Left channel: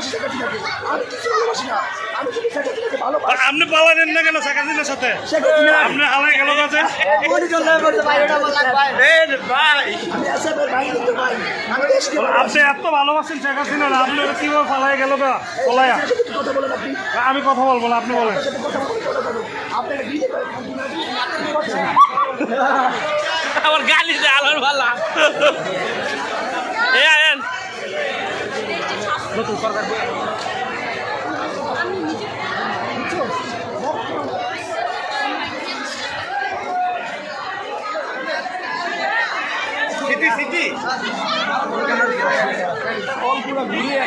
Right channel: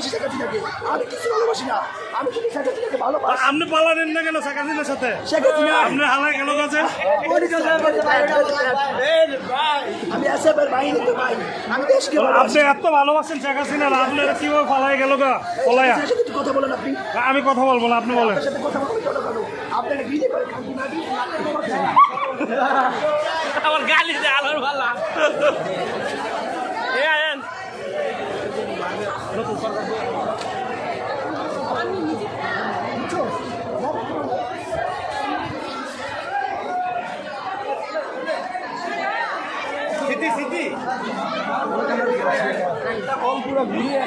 ভালোবাসি শেখ হাসিনাকে, আমি কিছু ভালোবাসি না, আমি শুধু শেখ হাসিনাকে ভালোবাসি। আপনি পালালেন না কেন শেখ হাসিনার সাথে? শেখ হাসিনা আপনি হালে গেল কাছে আমি এসএফের বাইরে তো ভাই, আমি দেশকে আপনি এত ভালোবাসেন শেখ হাসিনা, আপনারা কিভাবে পালাই গেল গা পলায়া? কথা বলেন আপনি, আমি কথা বলবো না, আপনি বলেন। আপনার সাথে কথা বলে কথা বলো, আপনারা বিয়ে করে আমার গালি দে আলার ভালা এ আয়েন সিটি সিটি পুরো ঘুরিয়ে